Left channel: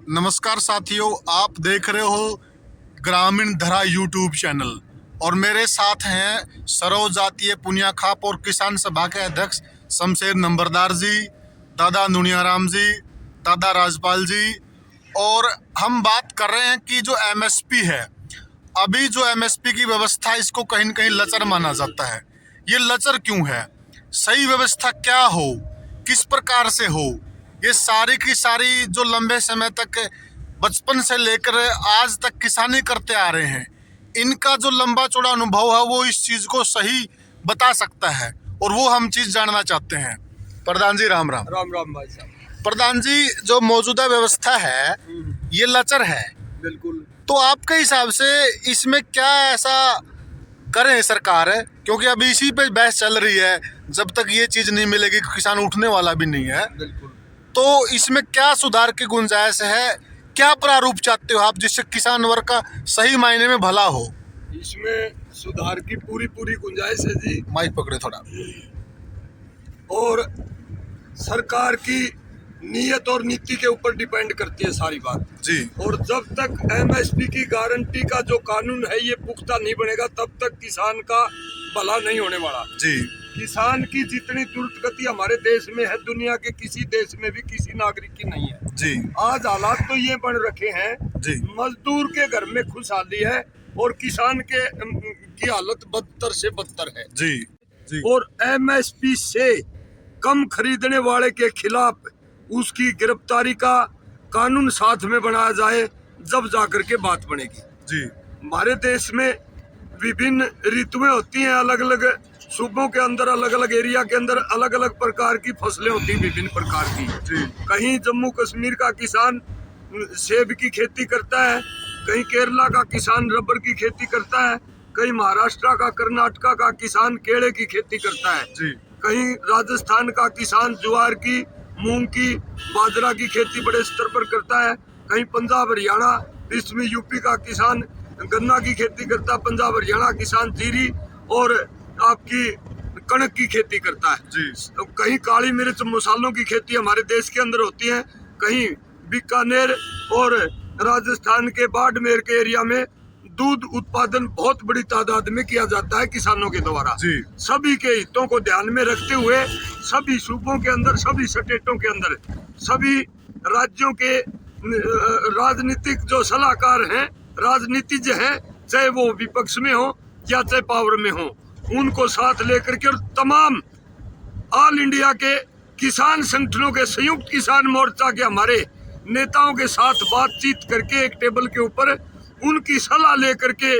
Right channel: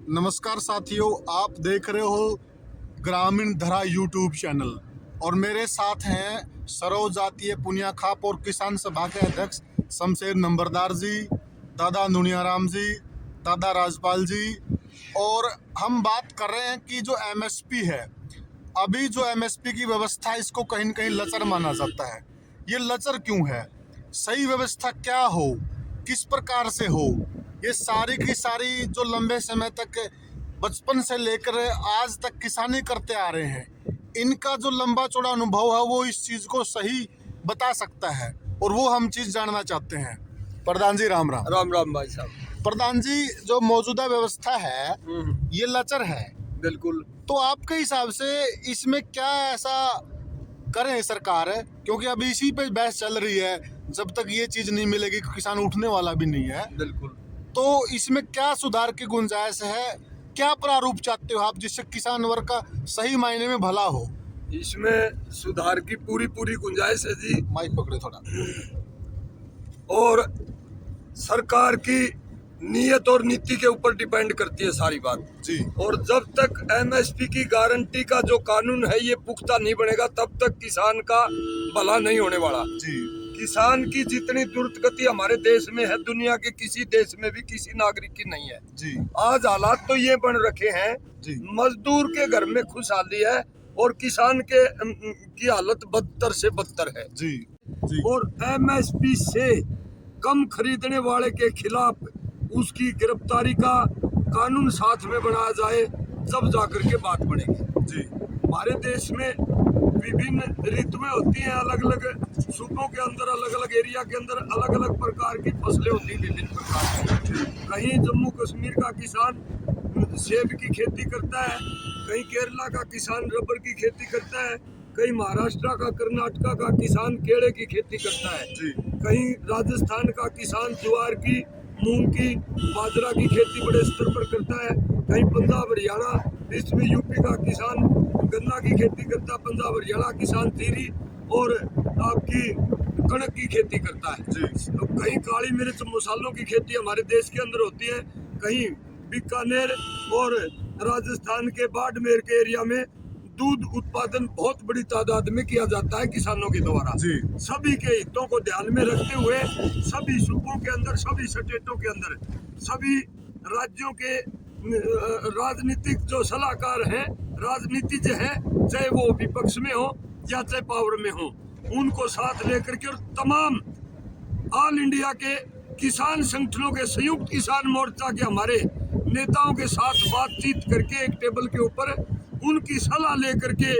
नमस्कार साथियों, आप देख रहे हो ग्रामीण धरा यूट्यूब चैनल और मेरे साथ हैं सरोज जातीय पुनिया खाप और किसान सभा के अध्यक्ष शमशेर नंबरदार जी, दादा नुनियाराम जी, दादा राजपाल जी। और हम बात कर रहे हैं कि जो एमएसपी है, अभी जो एमएसपी की व्यवस्था, इसको कहीं न कहीं लचर माना जाता है। ये लचर क्यों है? सही व्यवस्था क्या हो, किस प्रकार से हो, ये सारी की सारी जो लंबे समय तक बचपन से लेकर आज तक किसानी करते आ रहे हैं, इनका जो लंबा चौड़ा अनुभव है वो इस चीज़ को सही बता सकता है और वो हम चीज़ जानना चाहते हैं। प्रधान जी राम राम। राम राम भाई साहब। प्रधान जी, जो मौजूदा व्यवस्था है ये लचर है, बिल्कुल। तो आपके हिसाब से इसमें क्या ऐसा करें सरकार है? क्योंकि अभी इसी पे बहस चल रही है, जब तक ये चीज़ नहीं मिलेगी किसान उठने वाला भी नहीं है। बिल्कुल। तो इसमें क्या सुधार की गुंजाइश है, क्या प्रारूप चाहते हो आप जिससे किसान वर्ग का सही मायने में भला हो? इसमें सुधार की पूरी गुंजाइश है जी। माइक पकड़े थोड़ा। और सरकार की नीयत और नीति के ऊपर डिपेंड करती है सारी बात जी। और जब तक एमएसपी की गारंटी का जो कानून है ये पुख्ता नहीं बनेगा, तब तक किसान का भला नहीं होने वाला जी। किसान की जितनी द्रुत गति हमारे देश में है, दुनिया के किसी देश में भी किसी नागरिक की नहीं है जी। आज हालात तो ये बन रखे हैं जी। मजदूर के घर में खुशहाली है और किसान के की हालत बदतर से बदतर है जी। जी। और एमएसपी से कम खरीदने वाले के खिलाफ उसकी गिरफ्तारी का कानून साथ में बनाया जाए, जब जाकर के बात बनेगी। जी। हमारे देश में विभिन्न ऋतुएं होती हैं, अलग अलग सूबों के अंदर, अलग अलग एरिया के अंदर अलग अलग प्रकार की फसलें होती हैं, विभिन्न प्रकार की। जी। कहीं जम्मू कश्मीर का किसान सेब की खेती करता है, कहीं केरला का किसान रबर की खेती करता है, कहीं महाराष्ट्र का, कर्नाटका का किसान केले की खेती करता है, जी। कहीं राजस्थान का किसान ज्वार की, मूंग की, बाजरा की खेती बड़े स्तर पर करता है, कहीं पंजाब हरियाणा, इसमें यूपी का किसान गन्ना की खेती करता है, पंजाब हरियाणा किसान जीरी और आपकी कणक की खेती करता है। जी। कहीं काली मिर्च मसालों की खेती हमारे देश के अंदर होती है, कहीं बीकानेर और राजस्थान के बाड़मेर के एरिया में दूध उत्पादन बहुत बड़ी तादाद में किया जाता है किसानों के द्वारा। जी। सभी के हितों को ध्यान में रखते हुए सभी सूबों के अंदर, सभी स्टेटों के अंदर, सभी राज्यों के राजनीतिक जो सलाहकार हैं, राजनीतिज्ञ हैं, चाहे वो विपक्ष में हो या चाहे पावर में हो, उनको साथ लेकर के और तमाम ऑल इंडिया के किसान संगठनों के, संयुक्त किसान मोर्चा के हमारे नेताओं के साथ बातचीत करके एक टेबल के ऊपर उनकी सलाह लेकर के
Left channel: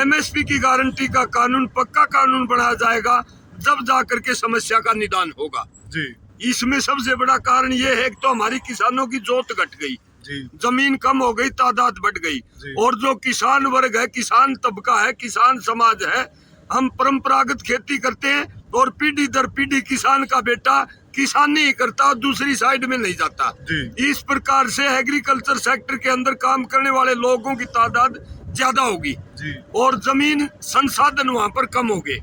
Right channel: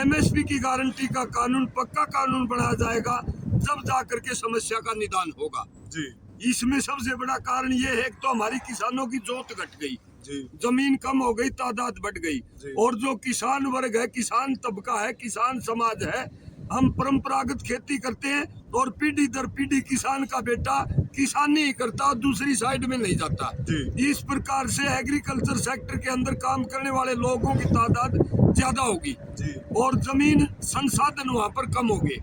एमएसपी की गारंटी का कानून, पक्का कानून बनाया जाएगा, जब जाकर के समस्या का निदान होगा। जी। इसमें सबसे बड़ा कारण ये है कि तो हमारी किसानों की जोत घट गई, जी। जमीन कम हो गई, तादाद बढ़ गई और जो किसान वर्ग है, किसान तबका है, किसान समाज है, हम परंपरागत खेती करते हैं और पीढ़ी दर पीढ़ी किसान का बेटा किसानी ही करता और दूसरी साइड में नहीं जाता। इस प्रकार से एग्रीकल्चर सेक्टर के अंदर काम करने वाले लोगों की तादाद ज्यादा होगी और जमीन संसाधन वहां पर कम होंगे।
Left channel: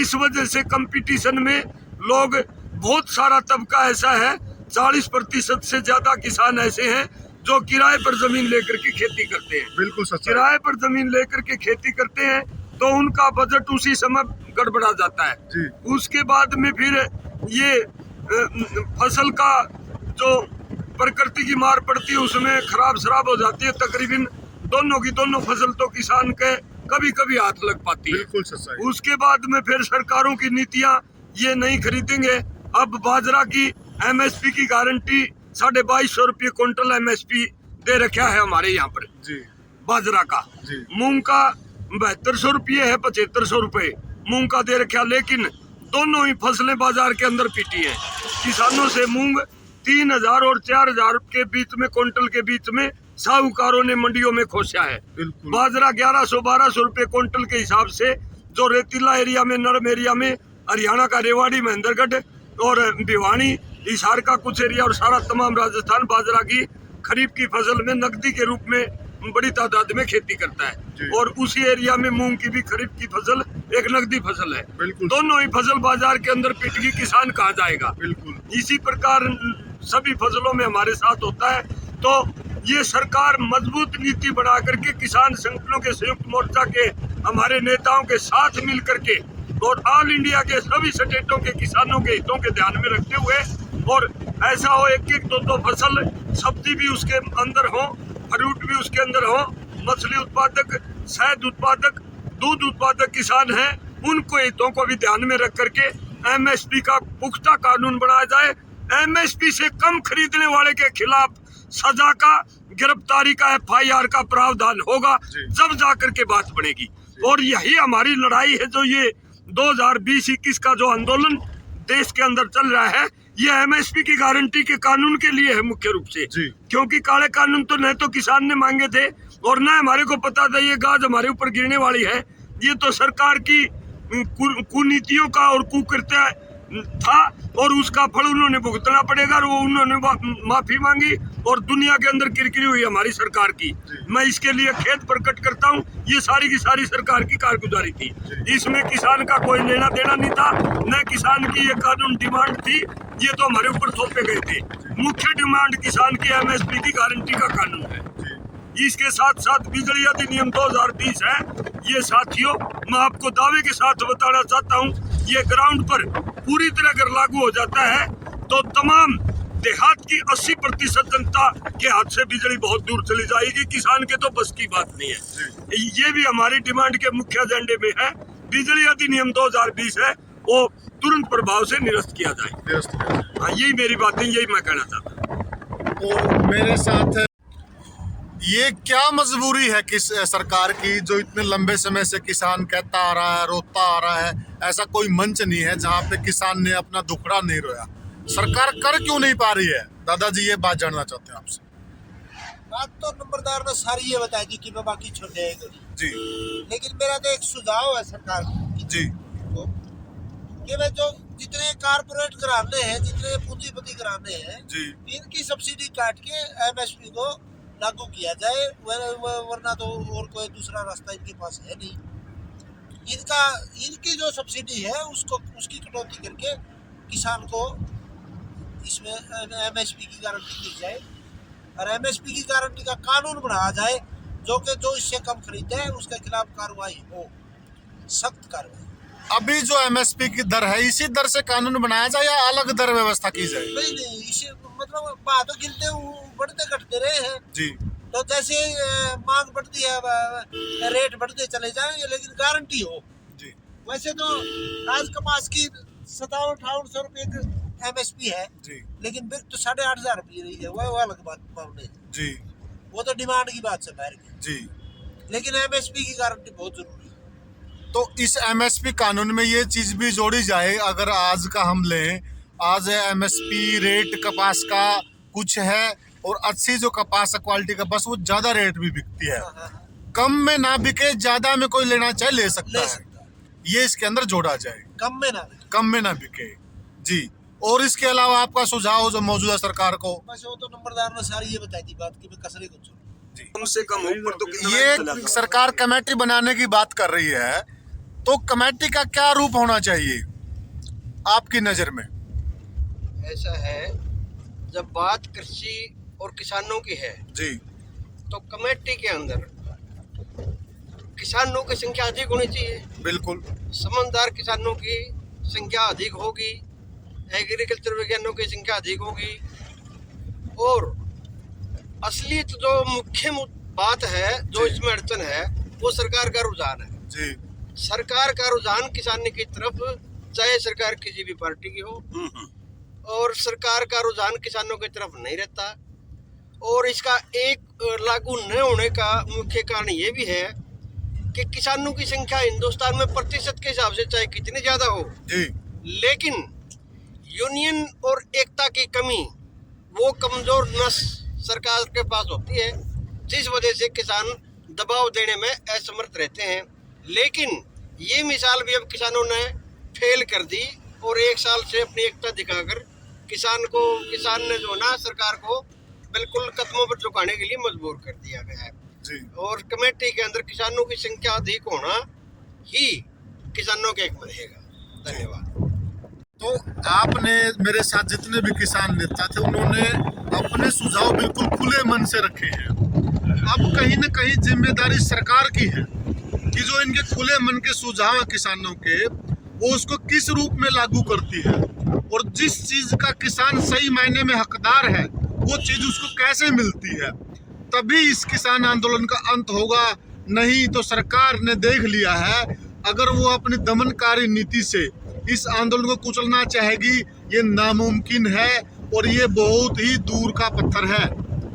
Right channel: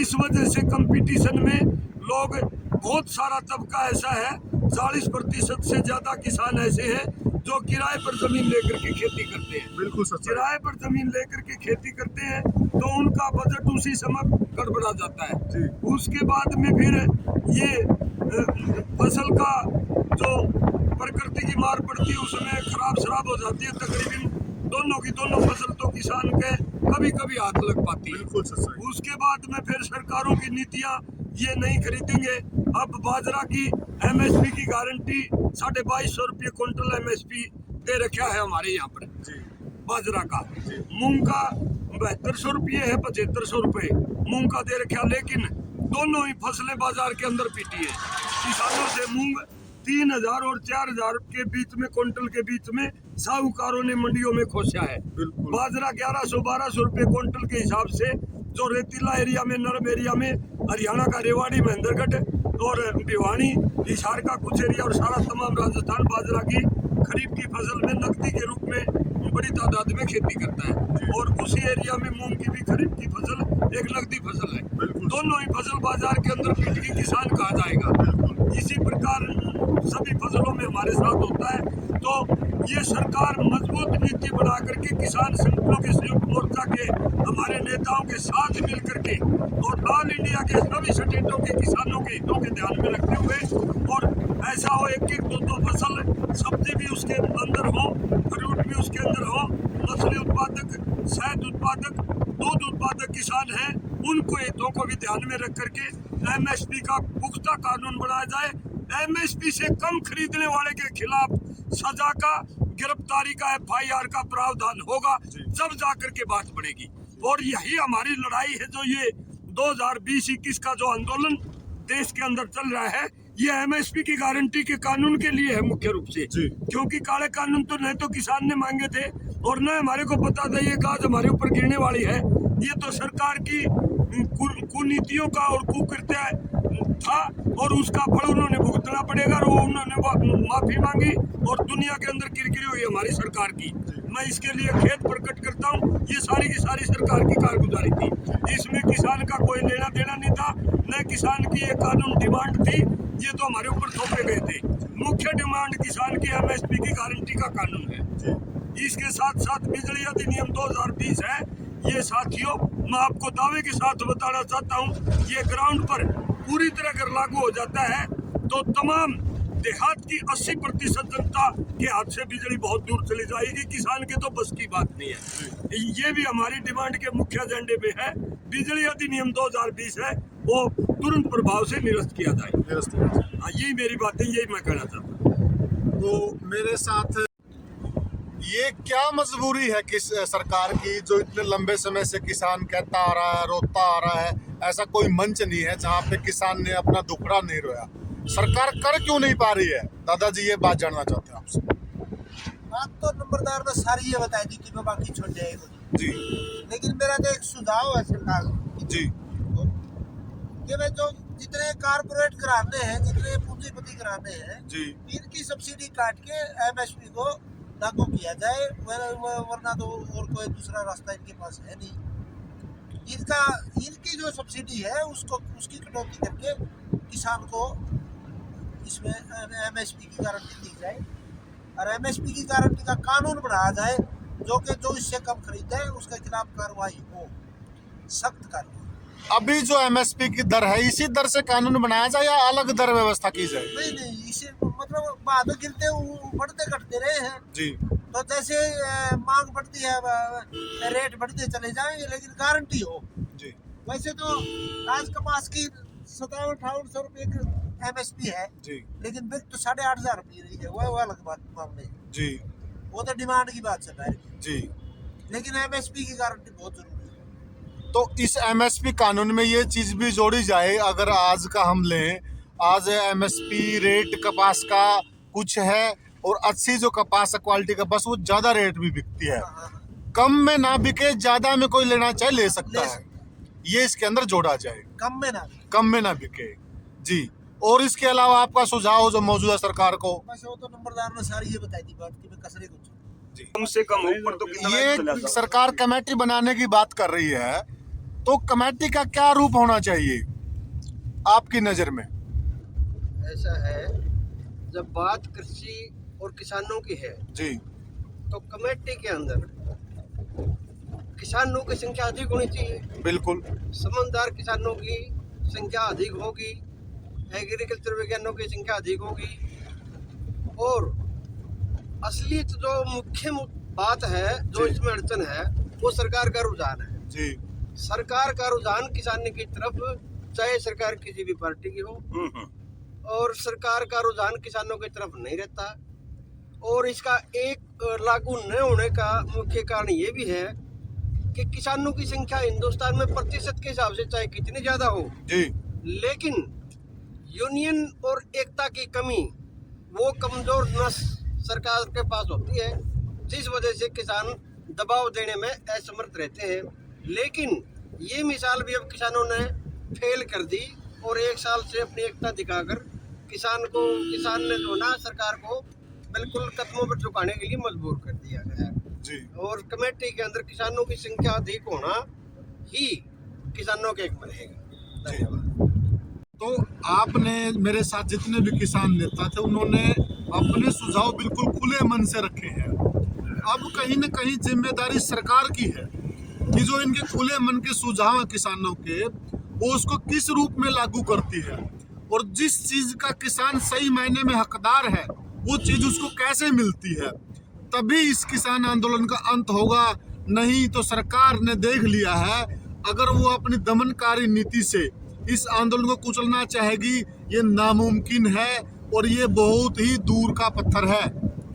इस वजह से कंपटीशन में लोग, बहुत सारा तबका ऐसा है, 40% से ज्यादा किसान ऐसे हैं जो किराए पर जमीन लेकर के खेती करते हैं। बिल्कुल सच। किराए पर जमीन लेकर के खेती करते हैं तो उनका बजट उसी समय गड़बड़ा जाता है। जी। उसके बाद में फिर ये फसल का जो प्रकृति की मार पड़ती है उसमें खराब शराब हो जाती है। तकरीबन दोनों की दोनों फसल तो किसान के कभी कभी हाथ लग पाती है। बिल्कुल सच। उसके बाद में फिर सरकारों की नीतियां, ये नहीं खरीदेंगे। अब बाजरा की एमएसपी की गारंटी 2250 रुपये क्विंटल एमएसपी दे रखा है हमारे यहाँ पर। जी। बाजरा का। जी। मूंग का 7200 रुपये है, 7500 रुपये मूंग का दे रखा, लेकिन दोनों ही फसलें बाजार के अंदर पीटी है। किसानों से मूंग 3000 और 4000 के बीच में, क्विंटल के बीच में साहूकारों ने मंडियों में खोसा है। बाजरा 1100-1200 रुपये क्विंटल के हिसाब से, जो रेतीला एरिया में, नरम एरिया में, हरियाणा का रेवाड़ी, महेंद्रगढ़ और भिवानी, हिसार का कुछ एरिया और सारा तमाम राजस्थान बाजरा की खरीफ की फसल में नकदी के रूप में बड़ी तादाद में खेती करता है और उसी एरिया में मूंग की भी खरीफ की फसल एक नकदी फसल है। दोनों ही फसल बाजार के अंदर पिट गई, किसान कहाँ जाएगा? इसी प्रकार सभी फसलों में हमारे साथ होता है। तो ये सरकार मजबूत नीति बना करके किसान संगठनों के संयुक्त मोर्चा के हमारे नेताओं के साथ मिल करके और ऑल इंडिया के सभी स्टेटों के किसानों के हितों के ध्यान में रखते हुए, और ऐसा हो एक एक दो फसल, सब्जी भी उसके अंदर हो, फ्रूट भी उसके अंदर हो, मछली उत्पादक, शहद उत्पादक, दूध उत्पादक किसान हैं, उनको हितों को भी ध्यान में रख करके एमएसपी का पुख्ता कानून बनाया जाए। एमएसपी से कम खरीदने वाले के खिलाफ सजा का, गिरफ्तारी का, एफआईआर का प्रावधान होगा, जब जाकर के बात बनेगी। और यही हमारी लड़ाई है, जो ये 2020-21 का जो आंदोलन देश के अंदर चल रहा है, ये एमएसपी की गारंटी के कानून के लिए है मुख्य रूप से। क्योंकि काले कानून तो न तो किसान ने मांगे थे और न हमारे को पता था ये गाज हमारे ऊपर गिरने वाली है। ये तो सरकार की कुनीतियों का और कुकृत्य था, और उसका फल उन्होंने भुगतना पड़ेगा। और उन्होंने माफी मांगी और दुनिया के अंदर किरकिरी हुई हमारी सरकार की। मैं इसके लिए खेद प्रकट करता हूँ। ये सारी की सारी सरकार की कारगुजारी थी, इसमें किसान का कोई लेना देना नहीं था, न किसान की ये कानून डिमांड थी, ये तो हमारे ऊपर थोपे गए थे। मुख्य डिमांड किसान की एमएसपी की गारंटी का कानून है। इसके साथ साथ बिजली अधिनियम 2020 है। ये साथियों, मैं आपको दावे के साथ बताना चाहता हूँ, ये ग्राउंड पर पूरी तरह अगर लागू हो जाता है तो तमाम देहात की 80% जनता के हाथ से बिजली बहुत दूर चली जाएगी। किसान के तो बस की बात नहीं है। ये भी हमारी डिमांड के मुख्य एजेंडे में है। बिजली अधिनियम 2020 है, वो तुरंत प्रभाव से निरस्त किया जाए। हाँ, यही मेरी बातें, यही मैं कहना चाहता हूँ। तो मेरे साथ ये क्या मजबूरी है किस सरकार की, जो इतने लंबे समय से किसान कहता आ रहा है, रोता आ रहा है, ऐसा कोई मंच नहीं है जहाँ पे किसान ने अपना दुखड़ा नहीं रोया। सरकार कर क्यों नहीं पा रही है? दादाजी ये बात जानना चाहते हैं आपसे। बात तो नंबरदार ने सारी ये बताई थी कि मैं बाकी छोड़ जाएगा जी, लेकिन मेरा तो एक सुझाव है सरकार जी को कि भाई जो जितने कारपोरेट घराने हैं, जितने पूंजीपति घराने हैं, जी, इनकी सब्सिडी काट के एमएसपी को लागू किया जाए, वरना तो और कोई दूसरा रास्ता इनके पास है नहीं। इनकी जो सब्सिडी है उसकी कटौती करके किसान को इसमें एमएसपी की गारंटी दी जाए, और एमएसपी की गारंटी का कानून बनाया जाए, जो इससे कम खरीदे उसके खिलाफ कार्रवाई हो, सख्त कार्रवाई। अभी जो एमएसपी की दर है, इसी दर से कानून बनाया जाए या अलग दर व्यवस्था की जाए? नहीं, इसे मतलब बाद गिरते बढ़ते घटते रहे हैं जी, तो जैसे मांग बढ़ती है रेट बढ़ते चले जाएंगे, लेकिन गारंटी हो। जी, वैसे तो आज कपास की 57-58 रुपये एमएसपी है जी, लेकिन बिक तो 8,500 रुपये रही है। वो अलग बात मामले है, जी, वो तो डिमांड की बात से बाहर की। जी। लेकिन एमएसपी की गारंटी बहुत जरूरी है। तो इस एमएसपी कानून में ये चीज भी जोड़ी जाए, अगर आज का हम लें, आज एमएसपी रेट कपास का कुछ है और अच्छी जो कपास क्वालिटी का बस वो ज्यादा रेट भी बिकती है। कम में ना बिके, ज्यादा में कोई लेना चाहे ले सकता है, ये इसके अंदर जोड़ा जाए। कम में ना बिके, कम में ना बिके। जी, और इसके अलावा आपका सुझाव जो मौजूदा सरकार को? बस वो तो नंबरदार ने सारी ये बताई थी बात कि मैं कसरे को छोड़। कम से कम ऊपर तो कितना ये चला जाए। सरकार कमेटी बनाने की बात कर रही है, तो कमेटी का क्या रूप होना चाहिए आपकी नजर में? ऐसा है, जब बात कृषि और किसानों की है जी, तो कमेटी के अंदर किसानों की संख्या अधिक होनी चाहिए। बिल्कुल। समझदार किसानों की संख्या अधिक होगी, एग्रीकल्चर विज्ञानों की संख्या अधिक होगी, और असलियत जो मुख्य बात है, जो जी। इसमें अड़चन है, वो सरकार का रुझान है। जी, सरकार का रुझान किसान की तरफ, चाहे सरकार किसी भी पार्टी की हो, और सरकार का रुझान किसानों की तरफ नहीं रहता। और इसका एक लागू न होने का मुख्य कारण ये भी है कि किसानों की संख्या हिंदुस्तान में प्रतिशत के हिसाब से चाहे कितनी ज़्यादा हो, जी, लेकिन यूनियन और एकता की कमी, वो कमज़ोर नस सरकार के पास होती है, जिस वजह से किसान दबाव देने में असमर्थ रहते हैं। लेकिन ये मिसाल भी अब किसानों ने फेल कर दी, और एक साल से अपनी एकता दिखाकर किसान ने जो ना सरकार को बिल्कुल कदमों पर झुकाने के लिए मजबूर कर दिया गया है। जी। और कमेटी के अंदर किसानों की संख्या अधिक होना ही किसानों के एक में रहेगा। धन्यवाद। तो आपने, मेरे साथ जितने भी किसान नेता थे, उन्होंने अपने सुझाव बिल्कुल खुले मन से रखे हैं। अब कहीं न कहीं जिम्मेदारी सरकार की है कि जो इनके खुले मन के सुझाव हैं किसानों के, वो उसको किस रूप में लागू करती है, और जिस चीज का किसान सही मायने में हकदार है वो चीज उसको कैसे मिलती है। तभी इस किसान आंदोलन का अंत होगा। नहीं तो सरकार ने देख लिया है, अगर वो अपनी दमनकारी नीति से इस आंदोलन को कुचलना चाहेगी, ये नामुमकिन है और ये बहुत ही दूर का पत्थर है,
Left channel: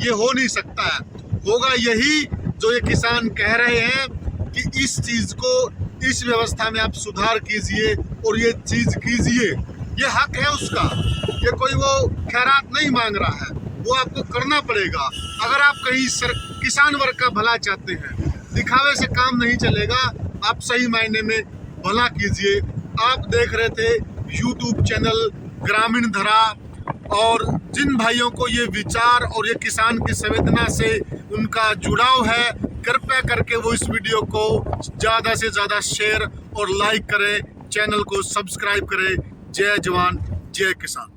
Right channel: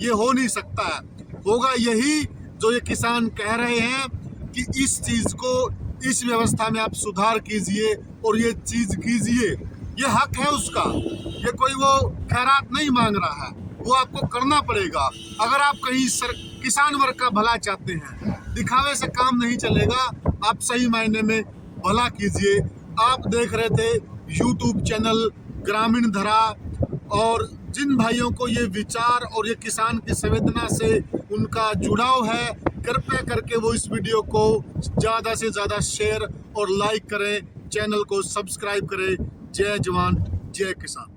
ये हो नहीं सकता है। होगा यही जो ये किसान कह रहे हैं कि इस चीज को, इस व्यवस्था में आप सुधार कीजिए और ये चीज कीजिए। ये हक है उसका, ये कोई वो खैरात नहीं मांग रहा है, वो आपको करना पड़ेगा। अगर आप कहीं किसान वर्ग का भला चाहते हैं, दिखावे से काम नहीं चलेगा, आप सही मायने में भला कीजिए। आप देख रहे थे YouTube चैनल ग्रामीण धरा, और जिन भाइयों को ये विचार और ये किसान की संवेदना से उनका जुड़ाव है, कृपया करके वो इस वीडियो को ज़्यादा से ज़्यादा शेयर और लाइक करें, चैनल को सब्सक्राइब करें। जय जवान जय किसान।